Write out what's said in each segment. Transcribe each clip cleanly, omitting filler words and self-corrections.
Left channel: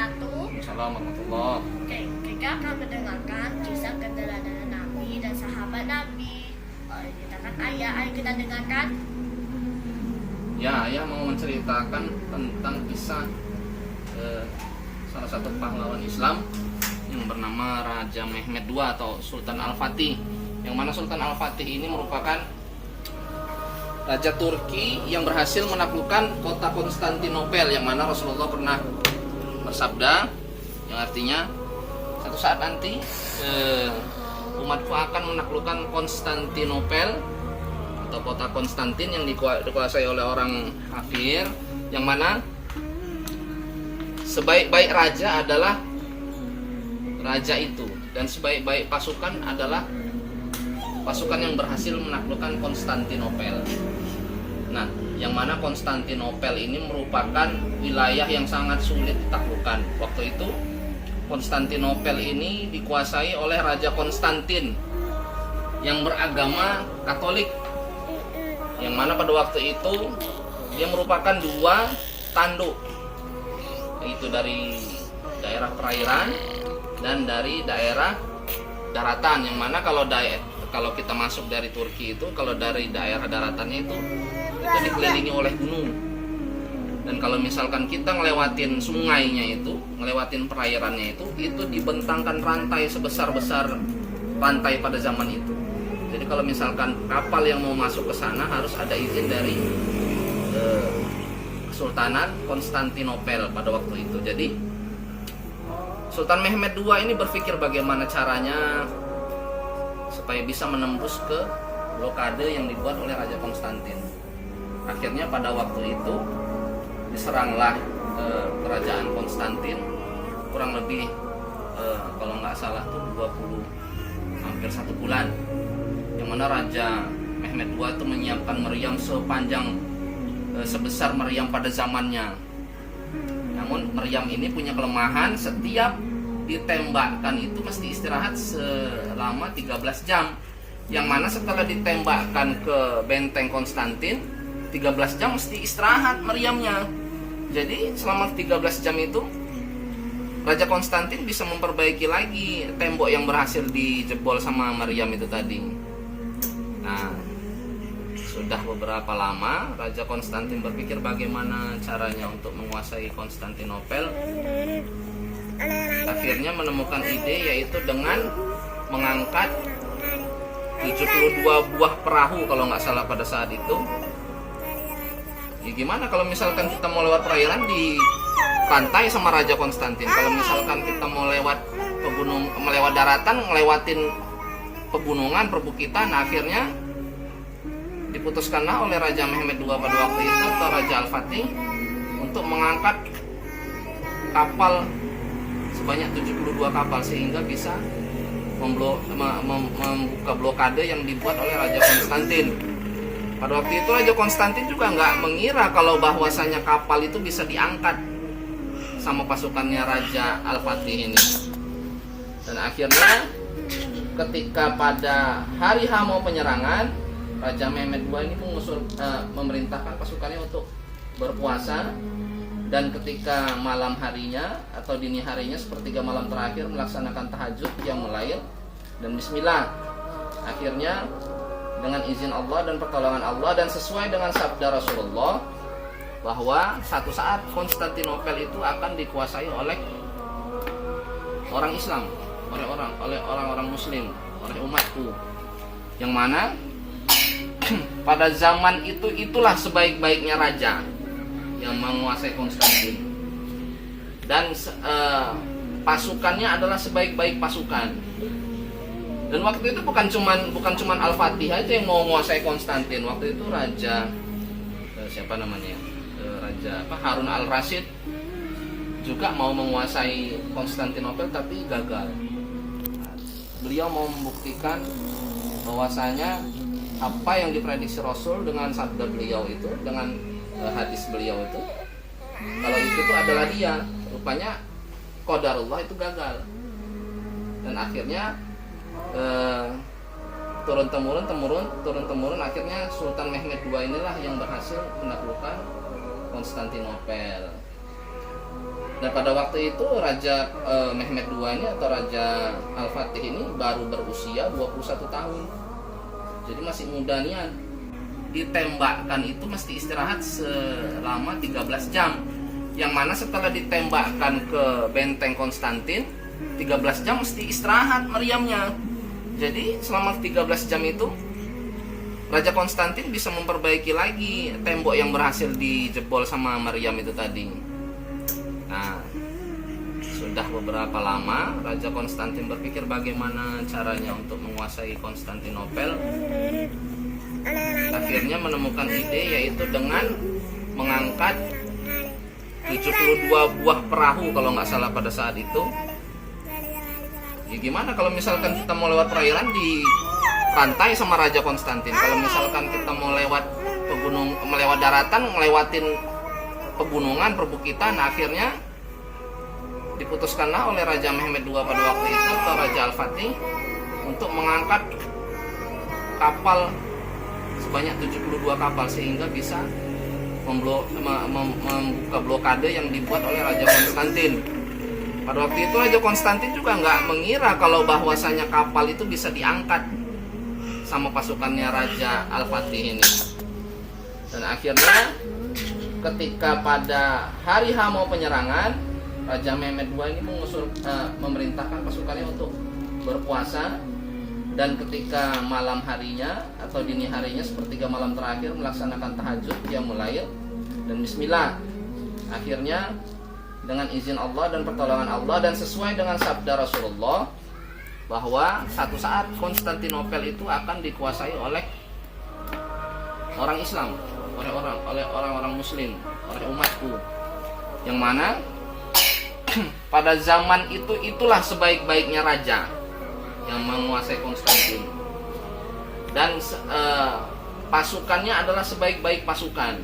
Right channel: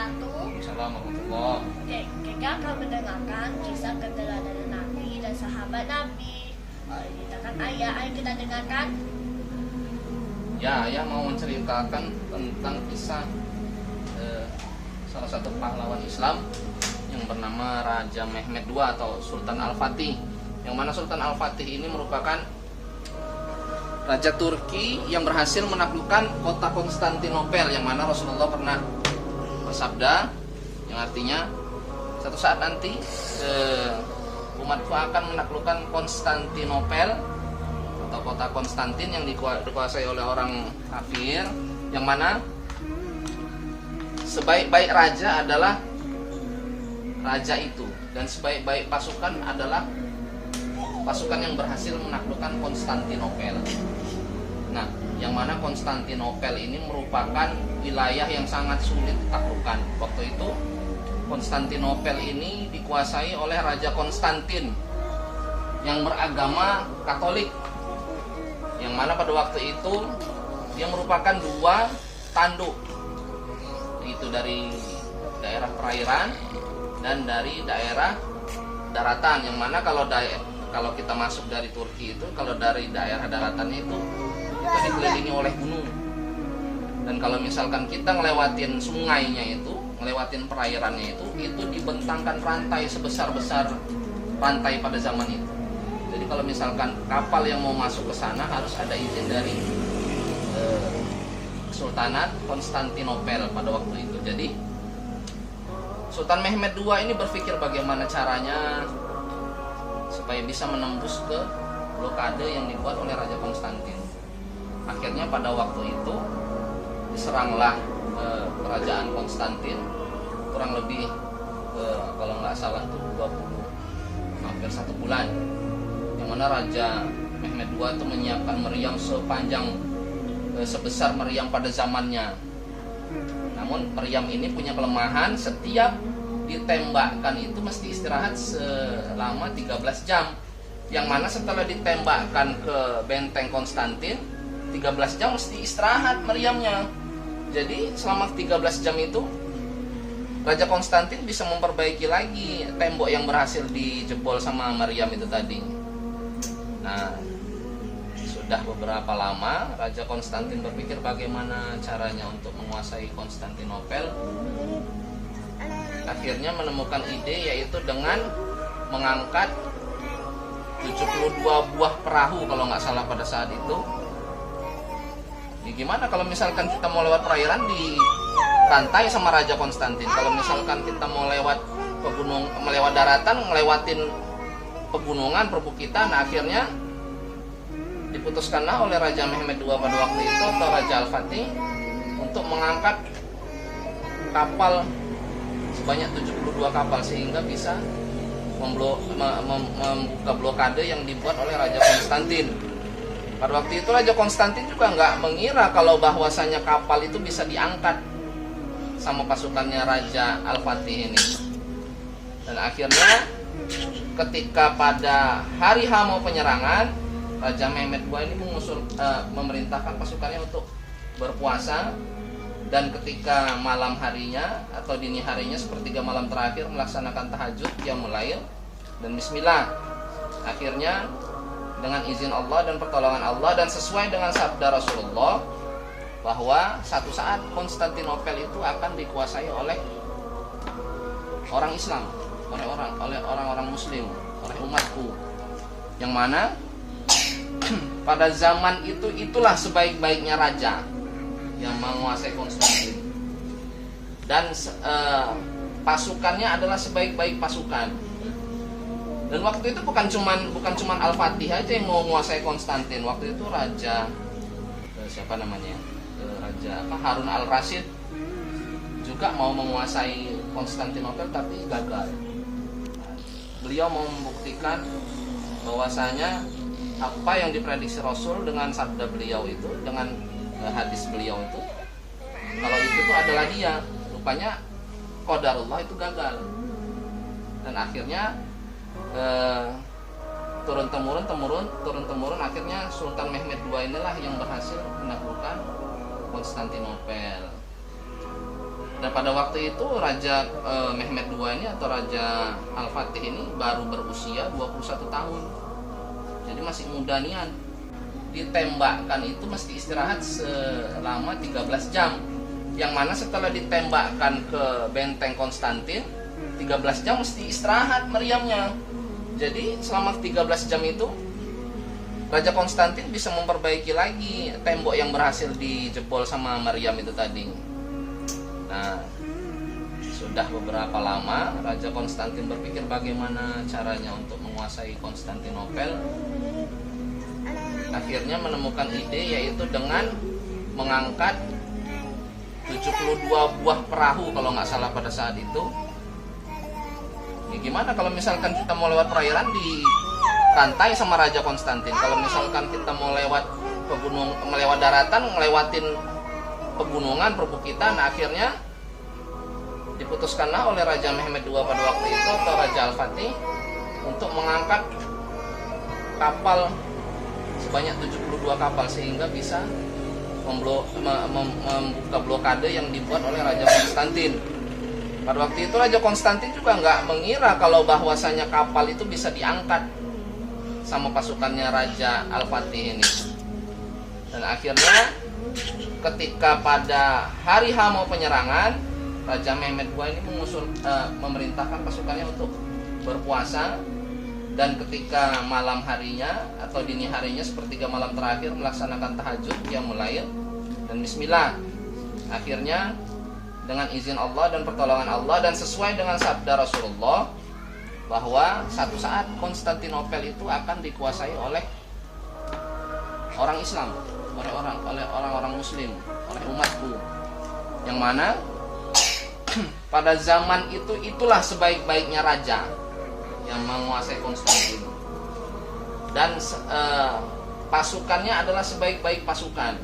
wabarakatuh. Assalamualaikum warahmatullahi. Oke, kita akan mendengarkan kisah keteladanan Nabi dan sahabat Nabi. Ceritakan ayah, ayo kita dengarkan. Ya, ayah mau menceritakan tentang kisah salah satu pahlawan Islam yang bernama Raja Mehmed II atau Sultan Al-Fatih. Yang mana Sultan Al-Fatih ini merupakan Raja Turki yang berhasil menaklukkan kota Konstantinopel, yang mana Rasulullah pernah bersabda yang artinya satu saat nanti umatku akan menaklukkan Konstantinopel atau kota Konstantin yang dikuasai oleh orang kafir, yang mana sebaik-baik raja adalah raja itu, dan sebaik-baik pasukan adalah pasukan yang berhasil menaklukkan Konstantinopel. Nah, yang mana Konstantinopel ini merupakan wilayah yang sangat sulit ditaklukkan. Waktu itu Konstantinopel ini dikuasai oleh Raja Konstantin yang beragama Katolik, yang mana pada waktu itu dia merupakan dua tanduk, yaitu dari daerah perairan dan dari daerah daratan. Yang mana kalau kita masuk dari Turki itu, kalau dari daerah daratannya itu dikelilingi oleh gunung. Dan kalau misalkan kita ngelewatin sungainya itu, ngelewatin perairannya itu dibentangkan rantai sebesar-besar rantai pada zaman itu. Jadi kalau misalkan kapal yang mau masuk ke sana harus ada izin dari Kesultanan Konstantinopel pada waktu itu. Jadi Sultan Mehmed II ini berpikir bagaimana caranya supaya bisa menembus ke blokade yang dibuat oleh Raja Konstantin. Akhirnya pada waktu itu diseranglah kerajaan Konstantin kurang lebih kalau nggak salah tuh hampir 1 bulan, yang mana Raja Mehmed II itu menyiapkan meriam sebesar meriam pada zamannya. Namun meriam ini punya kelemahan, setiap ditembakkan itu mesti istirahat selama 13 jam. Yang mana setelah ditembakkan ke benteng Konstantin, 13 jam mesti istirahat meriamnya. Jadi selama 13 jam itu Raja Konstantin bisa memperbaiki lagi tembok yang berhasil dijebol sama meriam itu tadi. Nah, sudah beberapa lama Raja Konstantin berpikir bagaimana caranya untuk menguasai Konstantinopel. Akhirnya menemukan ide, yaitu dengan mengangkat 72 buah perahu kalau nggak salah pada saat itu. Ya gimana kalau misalkan kita mau lewat perairan di pantai sama Raja Konstantin, kalau misalkan kita mau lewat melewat daratan, ngelewatin pegunungan, perbukitan. Nah, akhirnya diputuskanlah oleh Raja Mehmed II pada waktu itu atau Raja Al-Fatih untuk mengangkat kapal sebanyak 72 kapal sehingga bisa membuka blokade yang dibuat oleh Raja Konstantin. Pada waktu itu Raja Konstantin juga nggak mengira kalau bahwasanya kapal itu bisa diangkat sama pasukannya Raja Al-Fatih ini. Dan akhirnya ketika pada hari H mau penyerangan, Raja Mehmed II ini memerintahkan pasukannya untuk berpuasa, dan ketika malam harinya atau dini harinya sepertiga malam terakhir melaksanakan tahajud yang melail dan bismillah. Akhirnya dengan izin Allah dan pertolongan Allah dan sesuai dengan sabda Rasulullah bahwa satu saat Konstantinopel itu akan dikuasai oleh orang Islam, oleh orang-orang Muslim, oleh umatku. Yang mana pada zaman itu itulah sebaik-baiknya raja yang menguasai Konstantin, dan pasukannya adalah sebaik-baik pasukan. Dan waktu itu bukan cuman Al-Fatih aja yang mau menguasai Konstantin. Waktu itu Raja Harun Al-Rasyid juga mau menguasai Konstantinopel tapi gagal. Beliau mau membuktikan bahwasanya apa yang diprediksi Rasul dengan sabda beliau itu, dengan hadis beliau itu, kalau itu tuh adalah dia. Rupanya qadarullah itu gagal. Dan akhirnya turun temurun akhirnya Sultan Mehmed II inilah yang berhasil menaklukkan Konstantinopel. Dan pada waktu itu Raja Mehmed II ini atau Raja Al-Fatih ini baru berusia 21 tahun. Jadi masih muda nian. Ditembakkan itu mesti istirahat selama 13 jam. Yang mana setelah ditembakkan ke benteng Konstantin, 13 jam mesti istirahat meriamnya. Jadi selama 13 jam itu Raja Konstantin bisa memperbaiki lagi tembok yang berhasil dijebol sama Maryam itu tadi. Nah, sudah beberapa lama Raja Konstantin berpikir bagaimana caranya untuk menguasai Konstantinopel. Akhirnya menemukan ide, yaitu dengan mengangkat 72 buah perahu kalau nggak salah pada saat itu. Ya gimana kalau misalkan kita mau lewat perairan di pantai sama Raja Konstantin. Kalau misalkan kita mau lewat melewat daratan, ngelewatin pegunungan, perbukitan. Nah, akhirnya diputuskanlah oleh Raja Mehmed II pada waktu itu atau Raja Al-Fatih untuk mengangkat kapal sebanyak 72 kapal sehingga bisa membuka blokade yang dibuat oleh Raja Konstantin. Pada waktu itu Raja Konstantin juga nggak mengira kalau bahwasanya kapal itu bisa diangkat sama pasukannya Raja Al-Fatih ini. Dan akhirnya ketika pada hari H mau penyerangan, Raja Mehmed II ini memerintahkan pasukannya untuk berpuasa, dan ketika malam harinya atau dini harinya sepertiga malam terakhir melaksanakan tahajud, qiyamul lail dan bismillah. Akhirnya dengan izin Allah dan pertolongan Allah dan sesuai dengan sabda Rasulullah bahwa satu saat Konstantinopel itu akan dikuasai oleh orang Islam, oleh orang-orang Muslim, oleh umatku. Yang mana pada zaman itu itulah sebaik-baiknya raja yang menguasai Konstantin, dan pasukannya adalah sebaik-baik pasukan.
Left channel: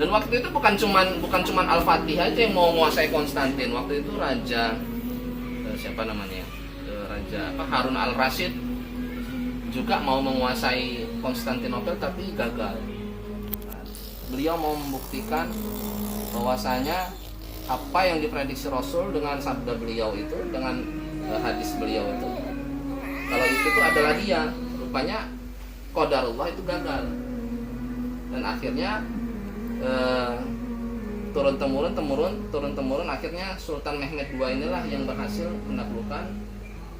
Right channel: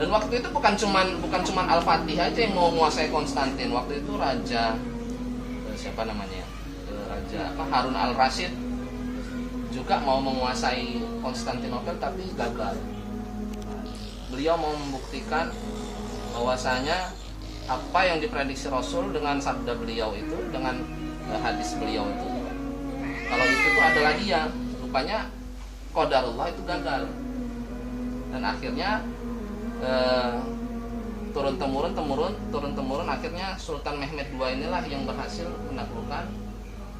Dan waktu itu bukan cuman Al-Fatih aja yang mau menguasai Konstantin. Waktu itu Raja siapa namanya? Raja Harun Al-Rasyid juga mau menguasai Konstantinopel tapi gagal. Beliau mau membuktikan bahwasanya apa yang diprediksi Rasul dengan sabda beliau itu, dengan hadis beliau itu, kalau itu tuh adalah dia. Rupanya qadarullah itu gagal. Dan akhirnya turun temurun akhirnya Sultan Mehmed II inilah yang berhasil menaklukkan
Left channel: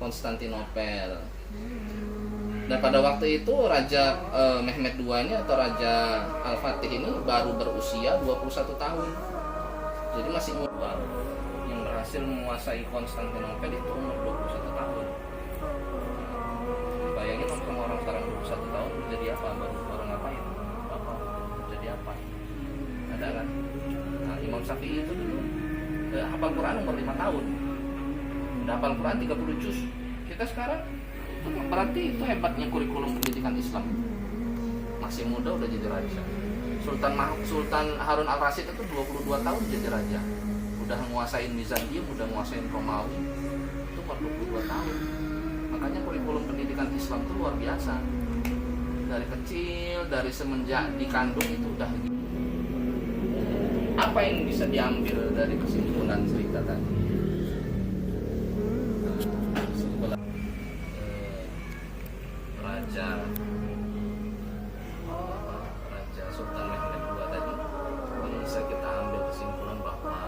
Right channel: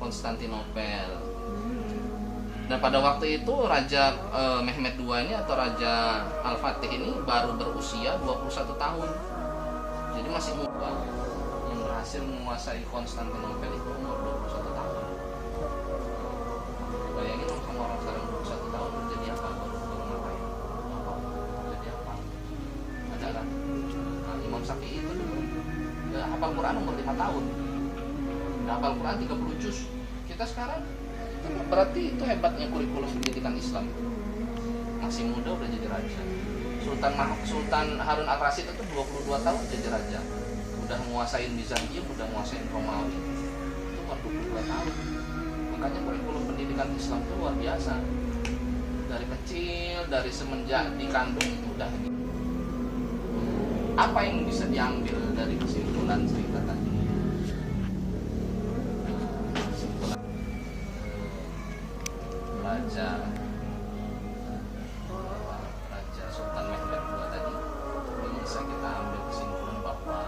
Konstantinopel. Dan pada waktu itu Raja Mehmed II ini atau Raja Al-Fatih ini baru berusia 21 tahun. Jadi masih muda. Yang berhasil menguasai Konstantinopel itu umur 21 tahun. Bayangin sama orang sekarang 21 tahun jadi apa? Baru ngapain? Apa? Jadi apa? Ada kan? Nah, Imam Syafi'i itu dulu hafal Quran umur 5 tahun. Udah hafal Quran 30 juz. Kita sekarang itu berarti itu hebatnya kurikulum pendidikan Islam itu. Masih muda udah jadi raja. Sultan Harun Al-Rasyid itu 22 tahun jadi raja. Udah menguasain Bizantium, udah menguasain Romawi. Itu umur 22 tahun. Makanya kurikulum pendidikan Islam itu luar biasa. Dari kecil, dari semenjak dikandung itu udah gitu. Apa yang bisa diambil dari kesimpulan cerita tadi? Raja Sultan Mehmed II tadi, bisa kita ambil kesimpulan bahwa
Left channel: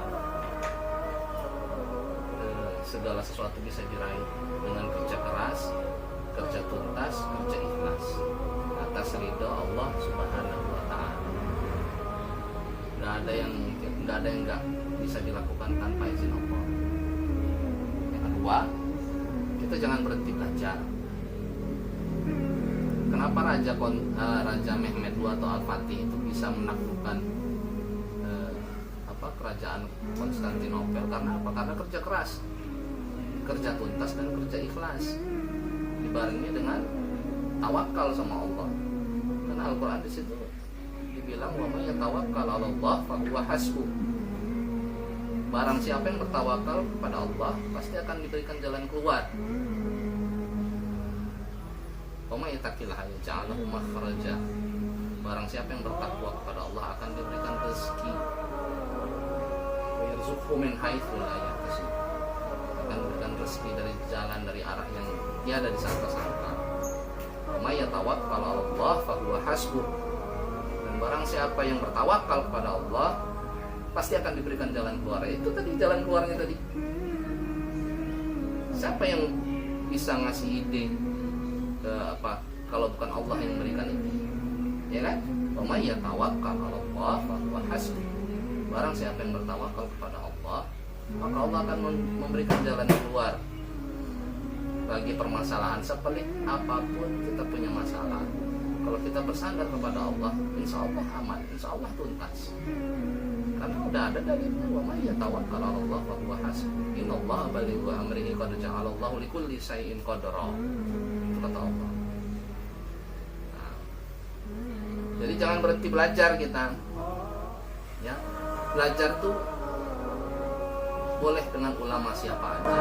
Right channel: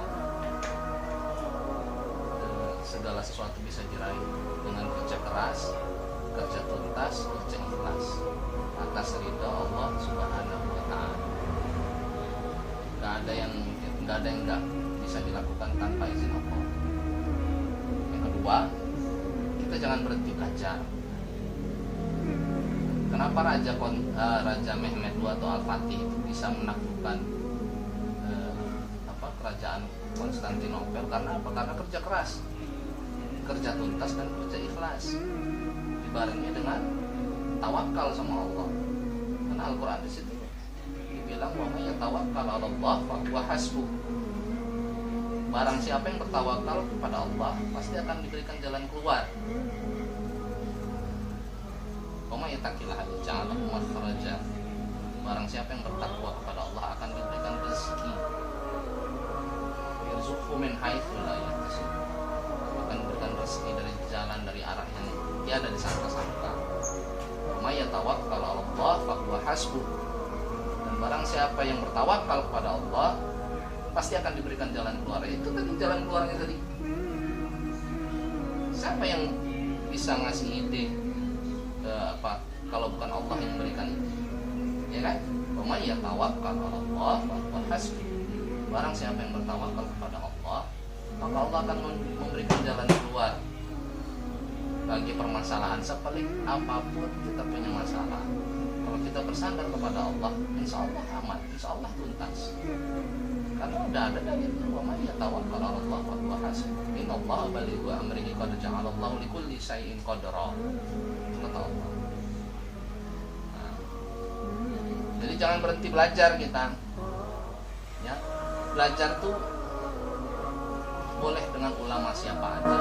segala sesuatu bisa diraih dengan kerja keras, kerja tuntas, kerja ikhlas atas ridha Allah Subhanahu wa Ta'ala. Gak ada yang nggak bisa dilakukan tanpa izin Allah. Yang kedua, kita jangan berhenti belajar. Kenapa Raja Mehmed II atau Al-Fatih itu bisa menaklukkan kerajaan Konstantinopel? Karena apa? Karena kerja keras, kerja tuntas dan kerja ikhlas, dibarengi dengan tawakal sama Allah. Karena Al-Quran di situ dibilang wa may yatawakkal 'ala Allah fa huwa hasbuh. Barang siapa yang bertawakal kepada Allah pasti akan diberikan jalan keluar. Wa may yattaqillaha yaj'al lahu makhraja. Barang siapa yang bertakwa kepada Allah akan diberikan rezeki. yarzuqhu min haitsu la yahtasib. Akan memberikan rezeki dari jalan, dari arah yang tiada disangka-sangka. Wa may yatawakkal 'ala Allah fa huwa hasbuh. Dan barang siapa yang bertawakal kepada Allah, pasti akan diberikan jalan keluar. Itu tadi jalan keluarnya tadi. Siapa yang bisa ngasih ide kalau bukan Allah yang memberikan itu? Ya kan? Wa may yatawakkal 'ala Allah fa huwa hasbuh. Barang siapa yang bertawakal kepada Allah, maka Allah akan memberikan jalan keluar bagi permasalahan sepelik apapun kita punya masalah. Kalau kita bersandar kepada Allah, insya Allah aman, insya Allah tuntas. Karena udah ada dalilnya, wa may yatawakkal 'ala Allah fa huwa hasbuh. Innallaha balighu amrihi qad ja'alallahu likulli syai'in qadra. Itu kata Allah. Nah, jadi jangan berhenti belajar kita. Ya. Belajar tuh boleh dengan ulama siapa aja.